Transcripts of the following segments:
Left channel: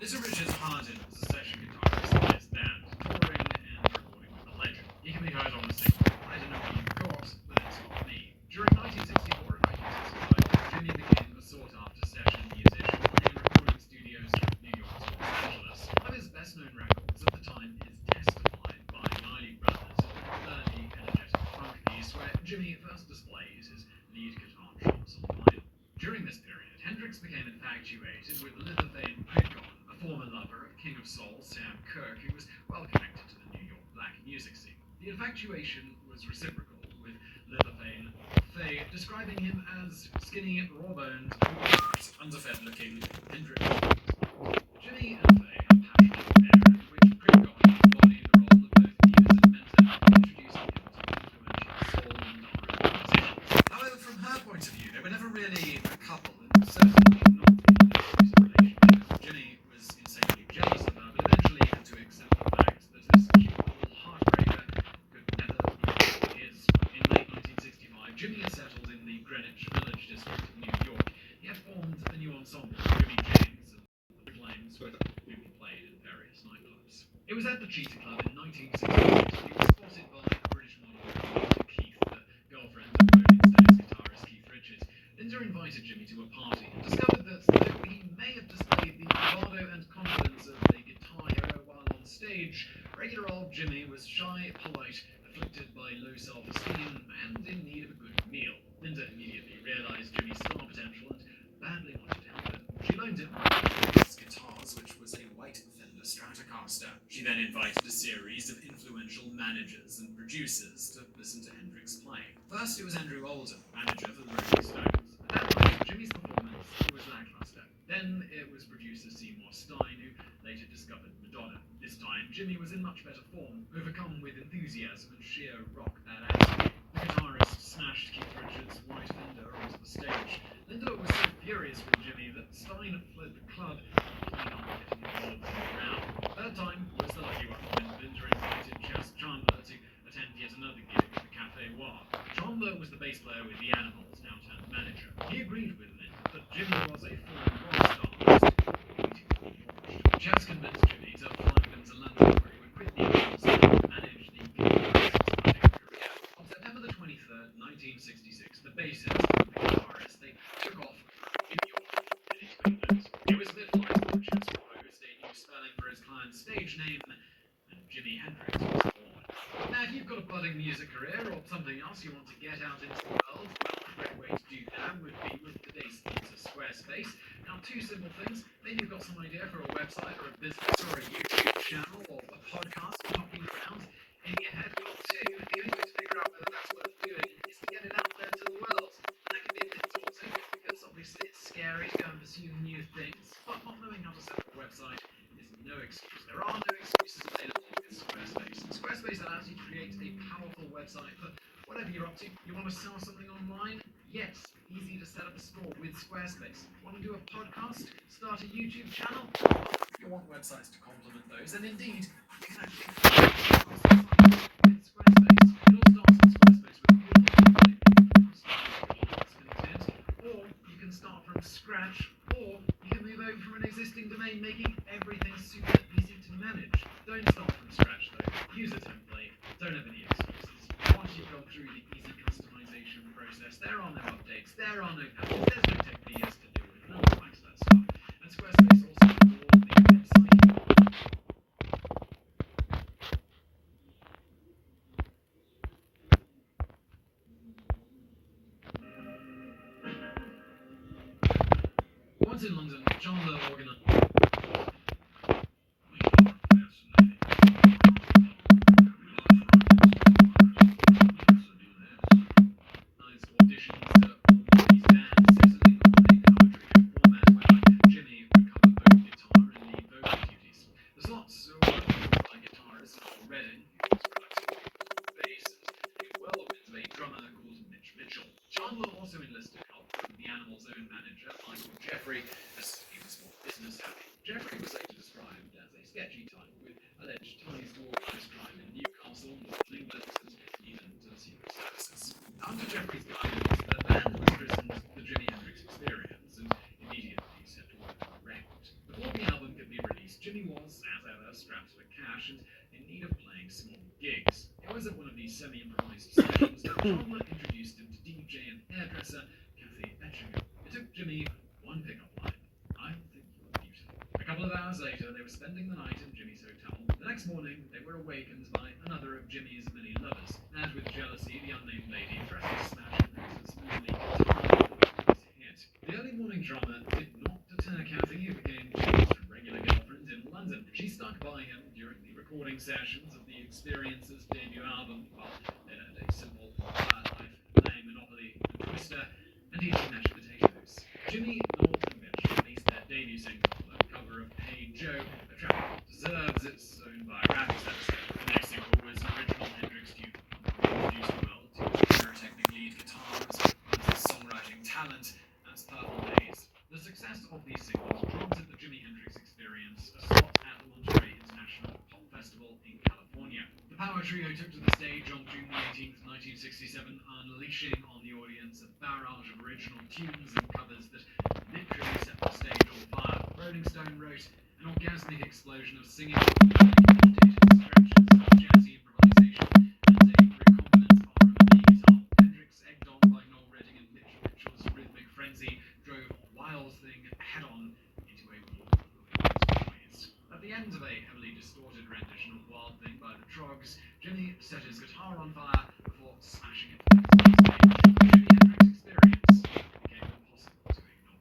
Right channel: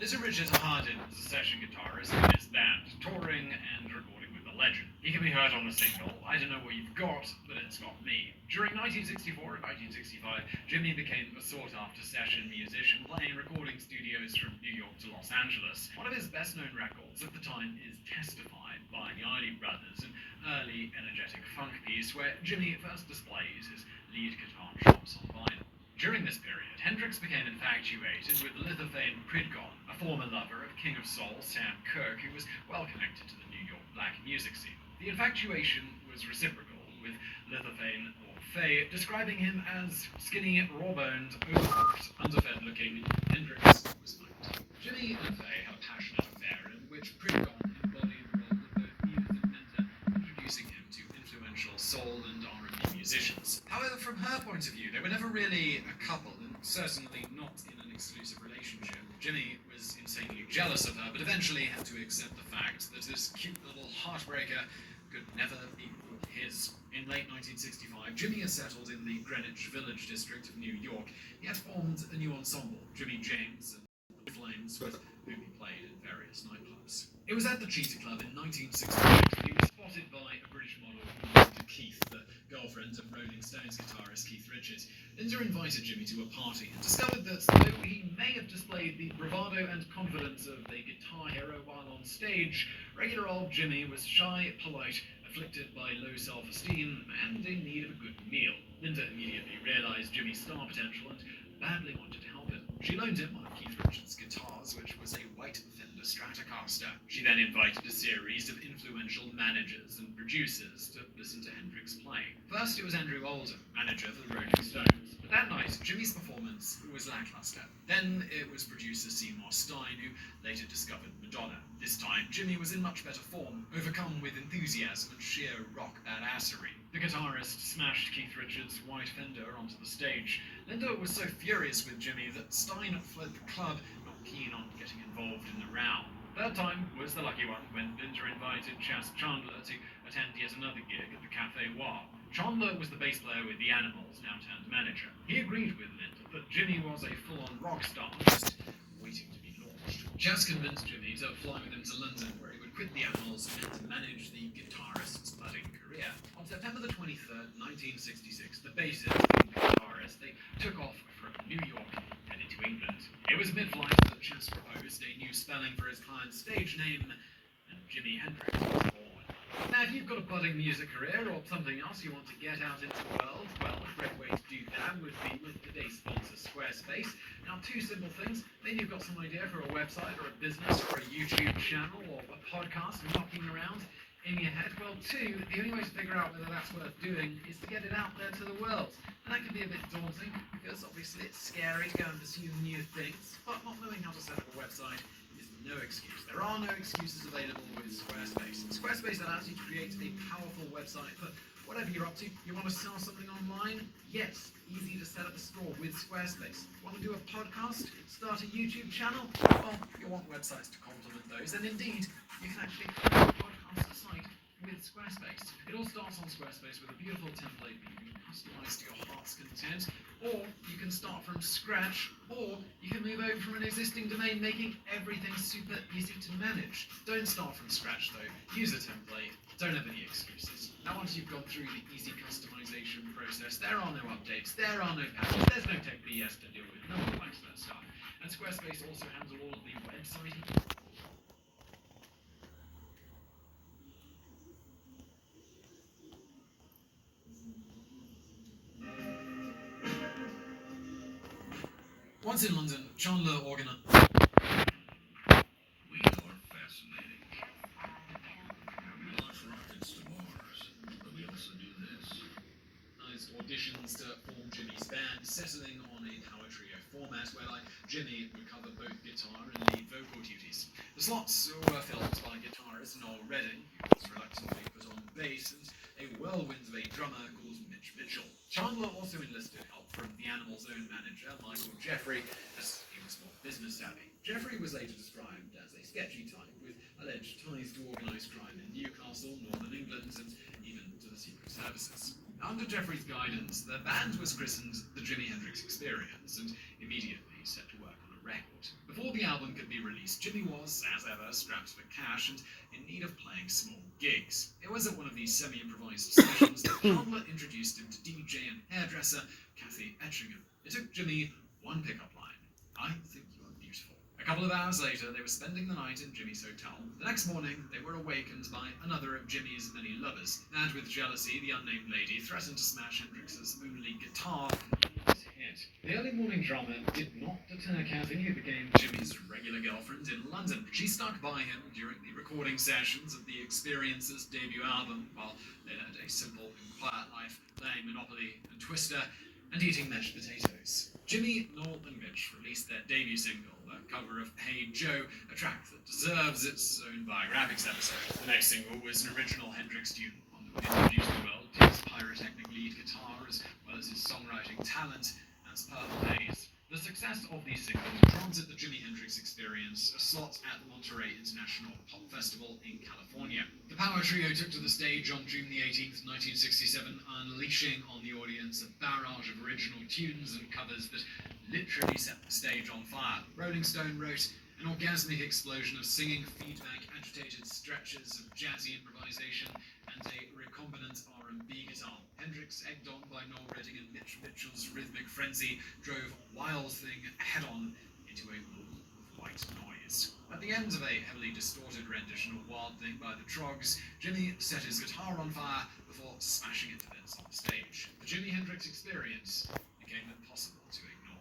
Lizzie Richards hired him as a session guitarist in his band, touring and recording with the legend. He can be heard on a single, I Don't Know What You've Got, But It's Got Me. During 1964 and 1965, Jimmy became a sought-after session musician playing recording studios from New York to Los Angeles. One of his best-known records at the time is Testified by the Isley Brothers, an early energetic funk piece where Jimmy first displayed his lead guitar chops on vinyl. During this period, Hendrix became infatuated with Lithuanian Pridgon, a former lover of King of Soul Sam Cooke, who was well connected to the New York black music scene. The infatuation was reciprocal, with Lithuanian Faye describing him as skinny, raw-boned, overworked, underfed-looking Hendrix. Jimmy and Faye had a passionate affair in which Pridgon embodied the role of both leaders and mentor, introducing him to influential soul and R&B musicians. However, from her point of view, they were never really a couple, and certainly not in an exclusive relationship. Jimmy was insanely jealous of her, but eventually had to accept the fact that this cute little heartbreaker could never be his. In late 1965, Jimmy had settled in the Greenwich Village district of New York. He had formed a new ensemble, Jimmy James and the Flames, with whom he played in various nightclubs. It was at the Cheetah Club in 1968 he was spotted by a British model named Keith, the girlfriend of Rolling Stones guitarist Keith Richards. Linda invited Jimmy to a party and discovered that though he may have displayed the bravado and confidence of a guitar hero while on stage, regular old Jimmy was shy, polite, afflicted by low self-esteem, and in need of a good meal. Linda immediately realized Jimmy's star potential and badly wanted to help him. She loaned him his guitars, which was a white Fender Stratocaster. She then invited a series of influential managers and producers to listen to Hendrix playing. First, it was Andrew Oldham, manager for the Rolling Stones. But that night, Jimmy's performance was lackluster. Then it was producer Seymour Stein, who later discovered Madonna. This time, Jimmy was in much better form, overcome with enthusiasm and sheer rock badassery. The guitarist smashed Keith Richards' white Fender onto the stage. Linda was so furious with Jimmy that Stein fled the club, keen on getting involved in the row. Third time was the lucky one when Linda invited Chas Chandler to attend yet another gig at the Café War. Chandler was the bass player with the Animals, now turned manager. He agreed with Linda that Jimmy was a full rock star, just waiting to be launched. Chas convinced Jimmy to fly with him to London, where he would quit the Animals and manage the guitarist's budding career. On September the 23rd, 1966, the bassist and guitarist, they took off from New York and into England. It was mid-flight that Chas proposed a new spelling for his client's stage name, and Jimi Hendrix was born. Now, if you've got a budding music career or something else you want to get out into the world, well, a great way to do that would be with today's sponsor, Squarespace. Now, two simple things. Maybe you've got some idea for a website or a business or a YouTube channel or a podcast knocking around in your head. Well, two, the only way to figure out whether that's worth doing is to get it out there to the world. And that can be a bit daunting because obviously it's scary to go and pursue new things, but not knowing how to set up a website is no excuse. There are no excuses available with Squarespace. Squarespace allows you to create a powerful website for whatever you're up to. You want to sell something online? Yes, easy to set up a store with Squarespace. Want to do a podcast? Start a YouTube channel? Well, you want websites to complement those, and indeed, you can actually create a site with Squarespace. It all starts on Squarespace with a beautiful template that you can customize to your heart's content, or you can start from scratch, or you can move over from an existing domain, making everything super easy to manage. Don't start from scratch though. Use a template. Don't have any excuses. Now, once you've gone through the easy customization process, there are no updates, there are no patches, there's no tech BS to deal with. No one likes that stuff. And Squarespace also has all of the website. Once in London, Chandler organized. Auditions to form Jimmy's band, settling on a power trio format where Jimmy would cover both guitar and lead vocal duties. The slots were filled by guitarist Noel Redding, who was reluctantly put on bass, and a whirlwind of a drummer called Mitch Mitchell. Chandler also enlisted help from the Animals' own manager, Michael Jeffrey, as he was more business savvy. place, Jimmy was, as ever, strapped for cash and in need of playing small gigs. It was at one of these semi-improvised sessions that Chandler introduced him to DJ and hairdresser Kathy Etchingham. It took Jimmy one pickup line: "I think you are beautiful." A couple of hours later, they were spending the night in Jimmy's hotel. The next morning, they were awakened by another of Jimmy's many lovers, and with jealousy, the unnamed lady threatened to smash Hendrix's moonly guitar with his head. The early morning drama did not deter Kathy, who became Jimmy's regular girlfriend in London. She stuck by him during the recording sessions of the Experience's debut album, while they led a simple, quiet life, playing Monopoly and Twister, and eating mashed potatoes. Jimmy, Noel, and Mitch released their debut single, a cover of Hey Joe, a track that deserves its own biographics episode. The next single was an original Hendrix tune, introduced the world to his pyrotechnic lead guitar as well as his songwriting talent. That's Purple Haze. The success of these singles granted the Jimi Hendrix Experience a slot at the Monterey International Pop Festival in California. The Power Trio took to the stage on June 18th, 1967, unleashing on the audience a barrage of original tunes and covers that literally set the stage on fire. Rolling Stone wrote, "An orgasmic explosion of singing, feedback, agitated stretches, jazzy improvisation, and a recombinant R&B guitar. Hendrix, egged on by Noel Redding and Mitch Mitchell's rhythmic frenzy, drove Wild Thing head-on into a wall of white noise." At the end of a heavily distorted rendition of Wild Thing by the Troggs, Jimmy set his guitar on fire before smashing it to bits on stage. The Jimi Hendrix Experience became impossible to ignore.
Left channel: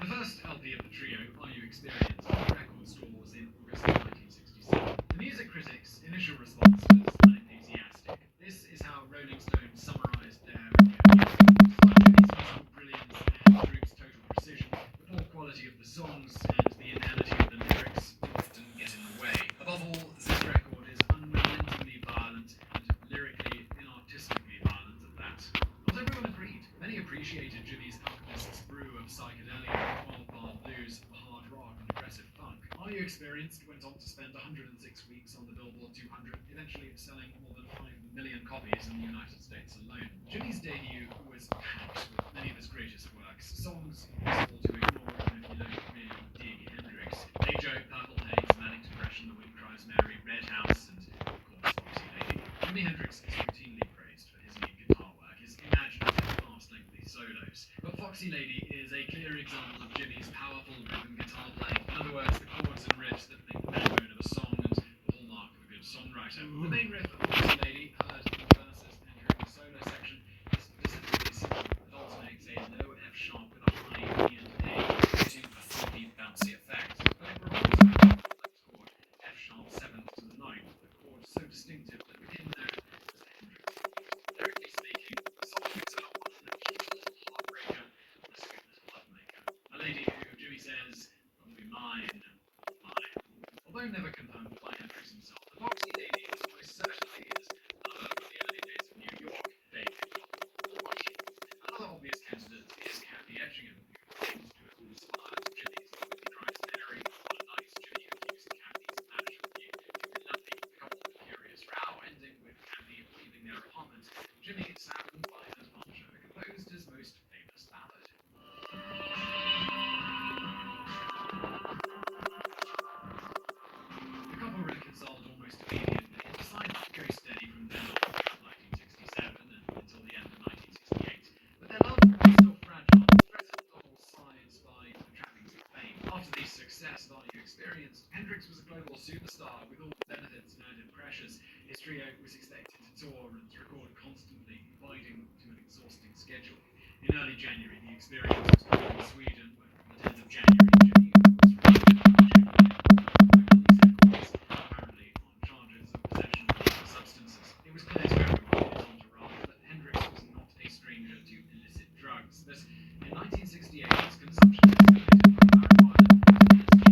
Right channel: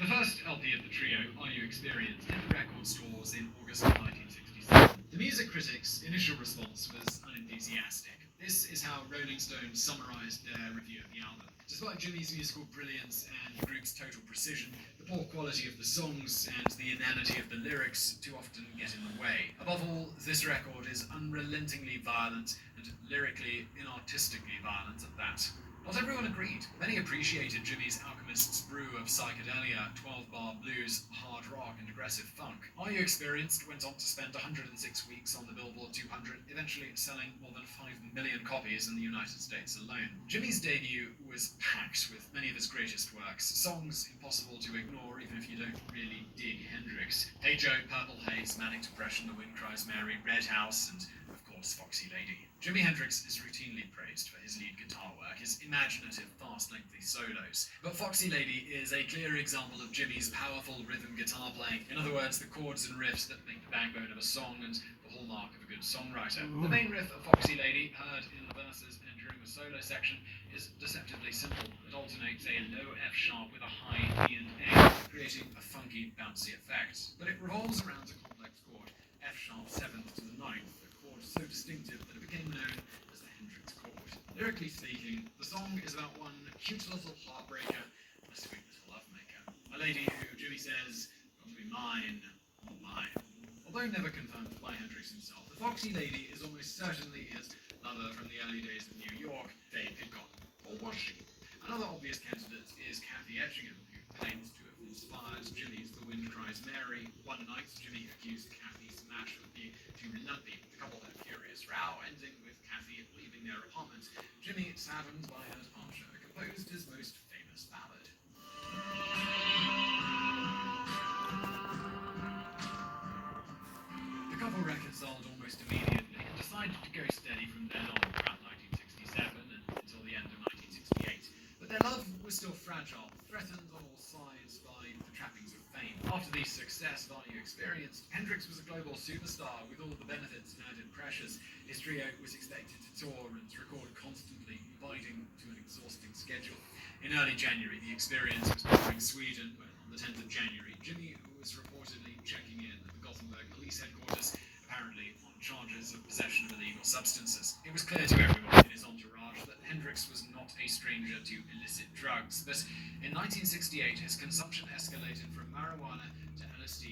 The first LP of the trio, Are You Experienced, hit record stores in August of 1967. The music critics' initial response was unenthusiastic. This is how Rolling Stone summarized their review of the album. Despite Jimmy's musical brilliance and the group's total precision, the poor quality of the songs and the inanity of the lyrics do often get in the way. Above all, this record is unrelentingly violent and lyrically inartistically violent at that. Not everyone agreed. Many appreciated Jimmy's alchemist's brew of psychedelia, 12-bar blues, hard rock, and aggressive funk. Are You Experienced went on to spend 106 weeks on the Billboard 200, eventually selling more than 5 million copies in the United States alone. Jimmy's debut was packed with many of his greatest works, songs impossible to ignore even if you don't really dig Hendrix. Hey Joe, Purple Haze, Manic Depression, The Wind Cries Mary, Red House, and of course Foxy Lady. Jimi Hendrix is routinely praised for his lead guitar work, his imaginative, fast, lengthy solos. But Foxy Lady is a clear example of Jimmy's powerful rhythm guitar playing. In other words, the chords and riffs that make the backbone of a song and the hallmark of a good songwriter. The main riff of Foxy Lady, heard in the verses and during the solo section, is deceptively simple. It alternates a low F sharp with a high E and A, creating a funky, bouncy effect. But it revolves around the complex chord F sharp 7th to the 9th, a chord so distinctive that it became known as the Hendrix chord. Lyrically speaking, the song is about one cute little heartbreaker and a sweet little lovemaker. A lady who Jimmy says, "Got to be mine, all mine." Although never confirmed by Hendrix himself, the Foxy Lady is almost certainly his lover from the early days of New York, Dave Hickok. Or was she? Another obvious candidate is Kathy Etchingham, who claims to have inspired Jimmy's The Wind Cries Mary. One night, Jimmy accused Kathy's match of being too lumpy. The couple had a furious row, ending with Kathy leaving their apartment. Jimmy, saddened by her departure, composed his most famous ballad. The couple reconciled almost immediately and decided to go steady from then on throughout 1967 and until the end of 1968. But their love was still fragile, threatened on all sides by the trappings of fame. After the success of Are You Experienced, Hendrix was a global superstar with all the benefits and added pressures. His trio was expected to tour and record constantly, abiding to an exhausting schedule. In early January, the Experience was touring Sweden, when on the 10th of January, Jimmy was arrested for checking in at police headquarters, apparently on charges of possession of illegal substances. It was clear to everyone in his entourage that Hendrix was not a stranger to illicit drugs, but in 1968 his consumption escalated from marijuana to LSD,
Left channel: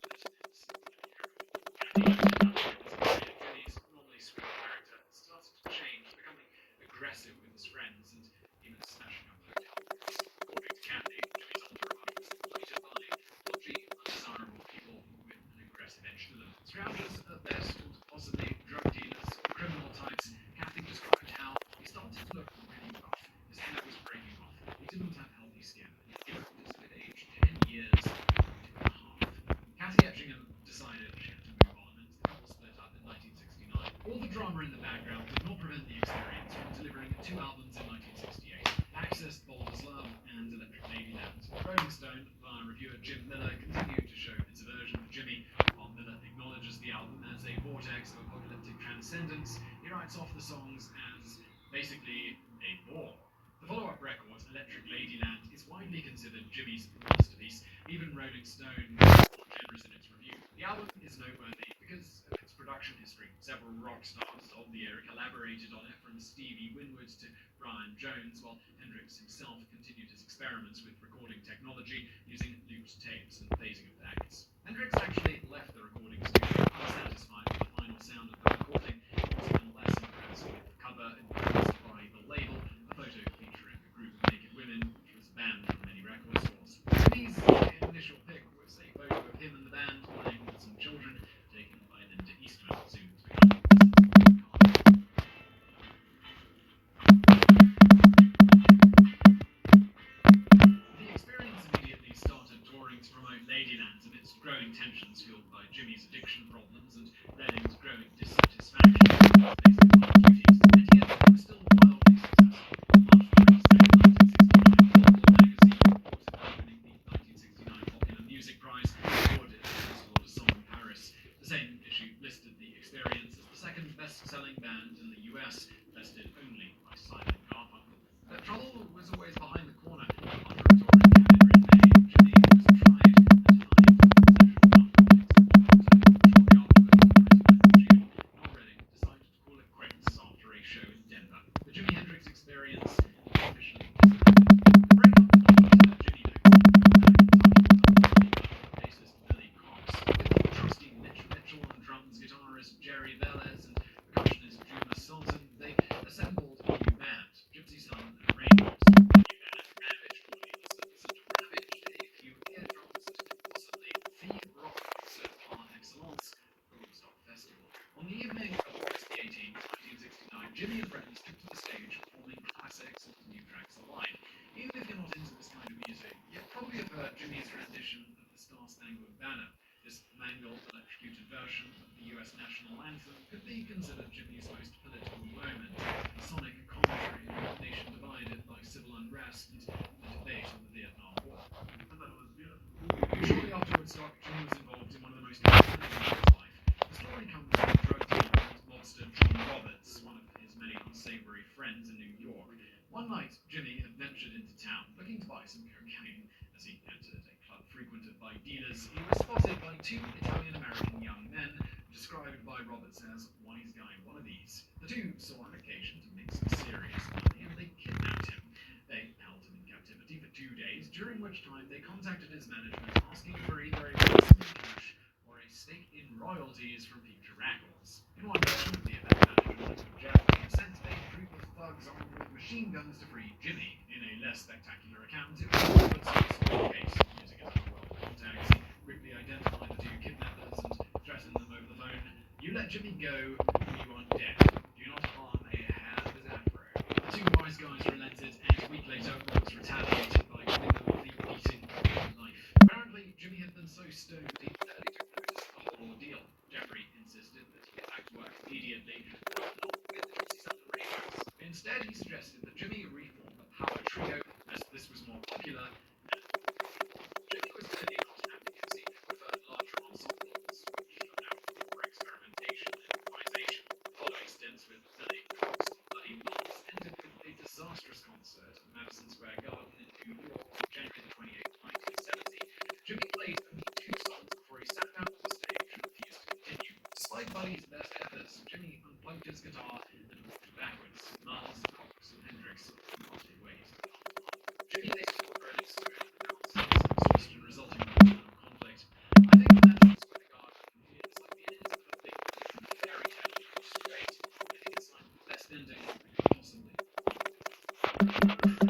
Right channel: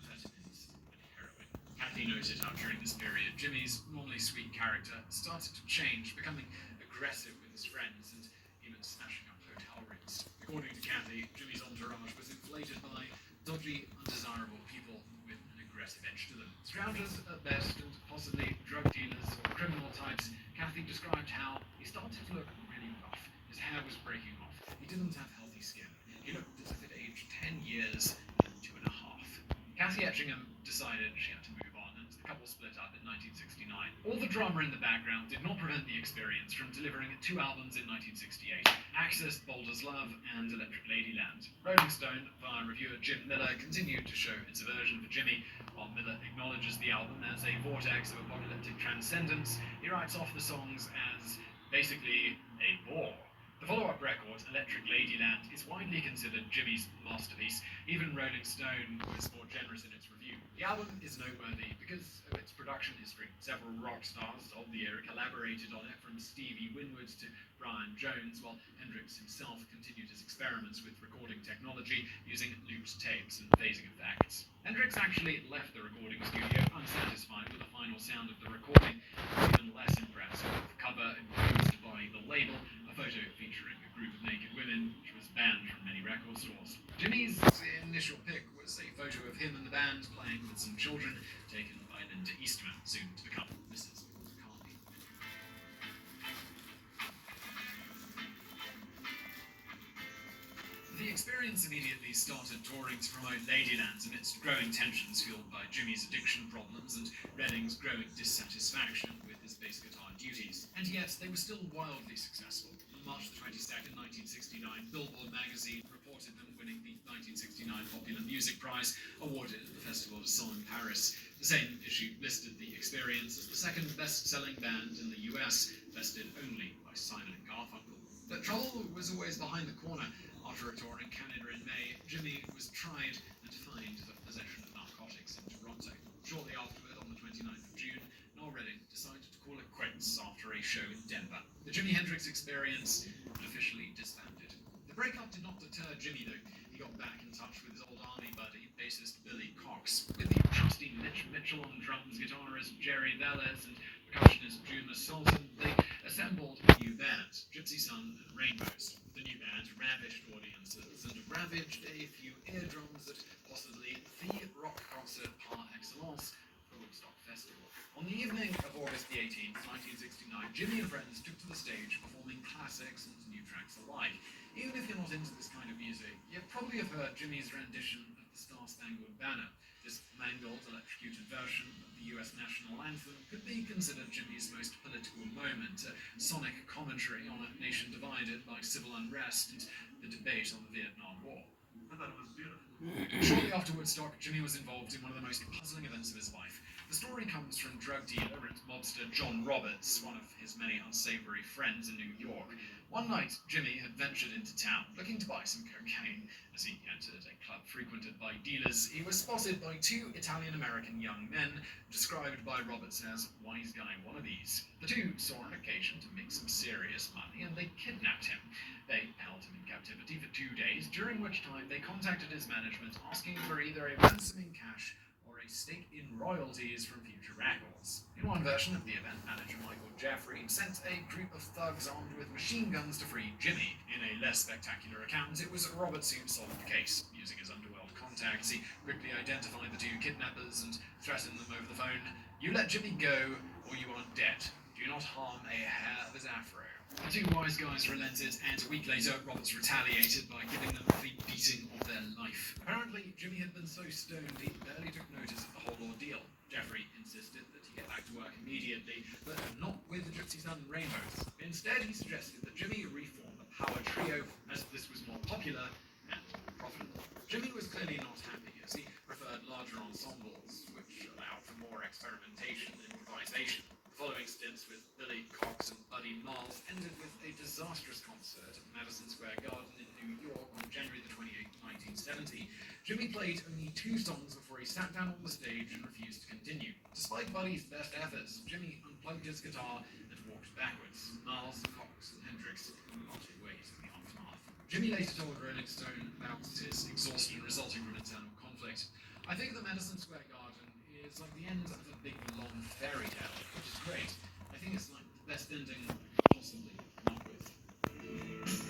amphetamines, and heroin. Kathy noted how during this period, Jimmy's normally sweet character started to change, becoming aggressive with his friends and even smashing up hotel rooms. According to Kathy, Jimmy's entourage was inflated by dodgy, undesirable people with an aggressive edge to them. Strangers at best, and possibly drug dealers or criminal types. Kathy described how he started to look really rough. His hair was breaking off. He didn't All the drama in the background did not prevent the Experience from delivering 2 albums in 1968, Access, Bold as Love, and Electric Ladyland. Rolling Stone, via reviewer Jim Miller, continued to show its aversion for Jimmy. While Miller acknowledges the album as a vortex of apocalyptic transcendence, he writes off the songs as basically a bore. The follow-up record, Electric Ladyland, is widely considered Jimmy's masterpiece. Even Rolling Stone was more generous in its review. The album is noteworthy because of its production history. Several rock stars of the era collaborated on it, from Stevie Winwood to Brian Jones, while Hendrix himself continued his experiments with recording technology using looped tapes and phasing effects. Hendrix actually left the recording studio unsatisfied with the final sound of the recording. Even less impressed with the cover imposed by the label, a photo featuring a group of naked women, which was banned from many record stores. Jimmy's initial pick was a photo of him and the band playing with some children, taken by Linda Eastman, soon to become The Experience immediately started touring to promote Ladyland amidst growing tensions fueled by Jimmy's addiction problems and Redding's growing dissatisfaction with his bass guitar duties. And yet, it was still wildly successful. On March 22nd, 1969, Billboard magazine reported by winning the 1969 Popular Music Prize, awarded at the Festival of Song in Paris. The same issue listed The Experience as the second best-selling band in the US, bested only by Simon and Garfunkel. But trouble was always behind the corner. After a tour in Canada in May, Jimmy was tried and fined for possession of narcotics in Toronto. Shortly afterward, on the 29th of June, Noel Redding decided to call it quits after a show in Denver. The Jimi Hendrix Experience officially disbanded. The breakup did not deter Jimmy, though. He got back in touch with his old buddy bassist Billy Cox. With the trusty Mitch Mitchell on drums, guitarist Jerry Velez, and percussionist Juma Sultan, they assembled a new band, Gypsy Sun and Rainbows. The new band ravished audiences and ravaged a few eardrums at possibly the rock concert par excellence, the Woodstock Festival. On the evening of August the 18th, 1969, Jimmy and friends took to the stage performing classics and new tracks alive. Even if you're not into this kind of music, you probably have heard Jimmy's rendition of the Star-Spangled Banner. This mangled, electrocuted version of the US national anthem could be considered Jimmy's most political moment, a sonic commentary on a nation divided by civil unrest and the debate on the Vietnam War. I thought it was beautiful. Shortly after Woodstock, Jimmy was involved in one of the most important events of his life. The story comes from drug dealer and mobster John Roberts, one of his many unsavory friends in New York. One night, Jimmy had ventured into town, looking to buy some cocaine. As he entered a club frequented by dealers, he was spotted by two Italian-American young men, described by Roberts as wise guy wannabes. The two saw an occasion to make some serious money, and they kidnapped him. They held him in captivity for 2 days, during which time they contacted his management, asking for either a ransom in cash or a stake in royalties from future records. In one version, the event manager, Michael Jeffrey, sent a group of thugs armed with machine guns to free Jimmy. In a less spectacular account, it was Roberts who solved the case. Using his underworld contacts, he quickly identified the two kidnappers and threatened them over the phone. You let Jimmy go, or you are dead. Do not harm a hair of his afro. The two wise guys relented, and a week later, Roberts retaliated by giving them the beating of their life. Apparently, Jimmy had been so stoned he barely took notice of the whole ordeal. Jeffrey insisted that he get back to work immediately, but not with Gypsy Sun and Rainbows. Instead, he suggested that Jimmy reform a power trio, as this was more popular and more profitable. Jimmy was clearly not happy, as he preferred larger ensembles, which allowed for more experimentation and improvisation. The following stints with Billy Cox and Buddy Miles ended with a disastrous concert at Madison Square Garden in New York on January the 28th, 1970. Jimmy played only 2 songs before he sat down on the stage and refused to continue. Despite Buddy's best efforts, Jimmy unplugged his guitar and walked backwards. Miles, Cox, and Hendrix parted ways in the aftermath. Jimmy later told Rolling Stone about his exhaustion resulting from internal conflict. I think the Madison Square Garden is like the end of a big long fairy tale, which is great. I think it's like the best ending possibly come up with.